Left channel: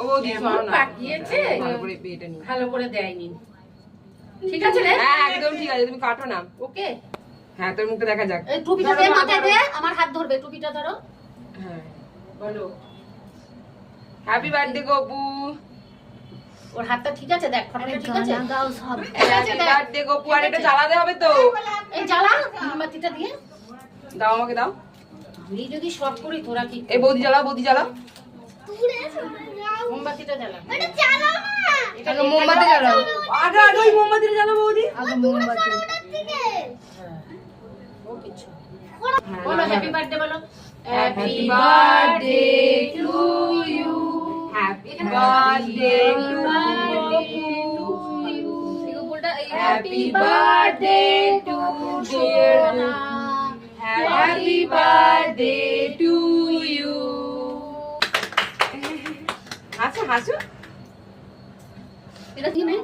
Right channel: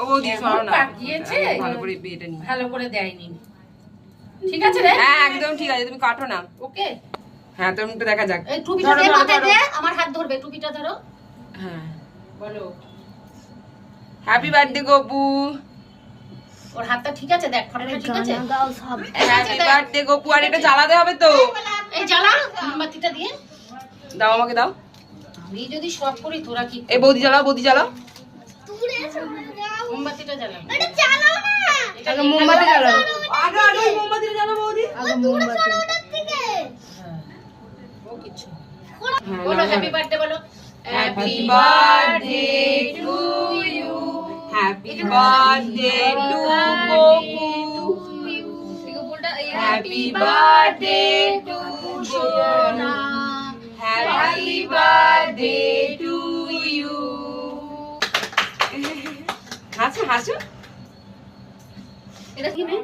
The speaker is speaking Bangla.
ও দিছো না পাকিয়েছে ভালো করে বিয়েটা নি ভালো করে দেয়নি ঠিক আছে রে হ্যাঁ একদম ঠিক আছে তুমি কাটো না ওকে হ্যাঁ তোর মুখটা দেখা যাক এই টুপিটা দে মাথায় দে আমার হাত ধরবে টুপিটা ধরো হ্যাঁ বলো হ্যাপি বার্থডে গপু ওর হাতটা ঠিক আছে দেখ ফটোটা ঠিক আছে গাও সব হ্যাপি বার্থডে গপু আর এটা জ্বালাতে হবে তো এই জ্বালা মোমবাতিটা দিয়ে দাও আমাকে দাও আমি যদি সব করি তোরা কি এই বৌদি জ্বালাও মোমবাতিটা জ্বালা এটা চালাও না আগে মোমবাতি জ্বালাও আগে ওই মোমবাতিটা জ্বালাও বৌদি আগে মোমবাতি ও কিছু বলো হ্যাপি বার্থডে বলো happy birthday to you happy birthday to Gopu happy birthday to সোনা হ্যাপি বার্থডে টু ইউ হাসো এটা কি নেই